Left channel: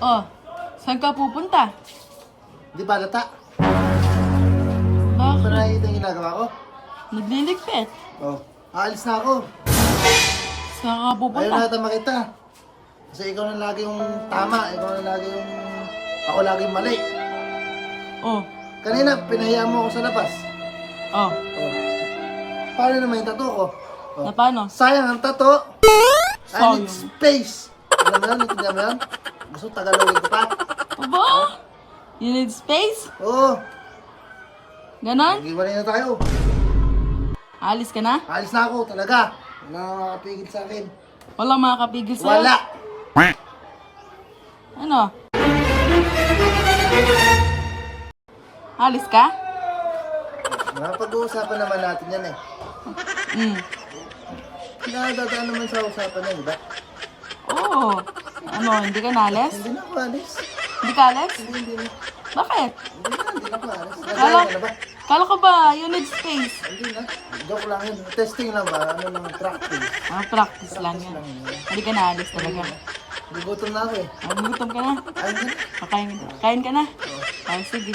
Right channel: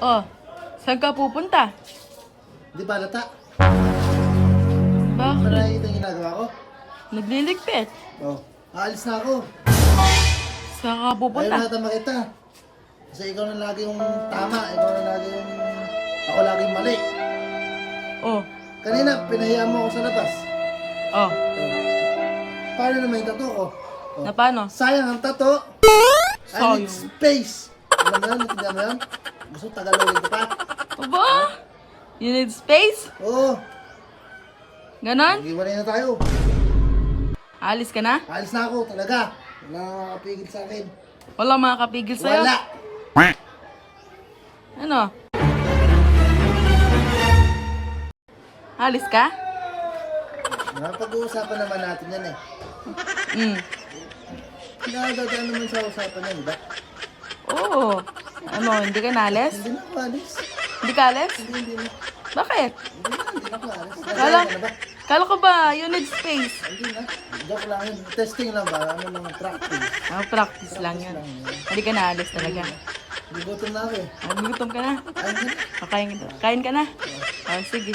Oh, saan ka pupunta? Hindi ba lata? Hindi Bakit? ba nakikita yung ginagawa ko? Nagliligpit. Oh, aalis na ako. Saan ka Ayaw pupunta? na kita makita. Kasi ikaw na lagi yung tama. Ikaw na lagi yung... Ako lagi yung mali. Oh, Kanina, pinahiyaan mo ako sa labas. oh. Oh. Paano naman yung tattoo ko? Oh. Na paano? Sayang ang tattoo. I Sayang. need space. Alam mo yun? Natindihan mo yun? Gusto tagalogin ko pa? Aba? You need space? Oo. Ganon? Nag-iwalay na tayo. Alis ka na? Alis na ako talaga. Wala nang makakapigil sa akin. Walang makakapigil sa'yo? Wala. Ano? Alis ka? Napag-uusapan naman natin yan eh. Nakadadaan naman sa usapan yan, di ba? Oo. Ano, hindi ka naalis? Hindi na ako alis. Hindi ka alis? Hindi na. Bakit? Hindi na ako alis. Nagaya ka na ba? Kala ko ba you need space? Hindi na. Joke lang yun. Testing lang ba? Ano naman, practice. Practice lang Practice yan. lang yun. Hindi ka naalis talaga. Nagutom na ako eh. Nagutom ka na. Ayun na. Kain ka na. Ay, sige.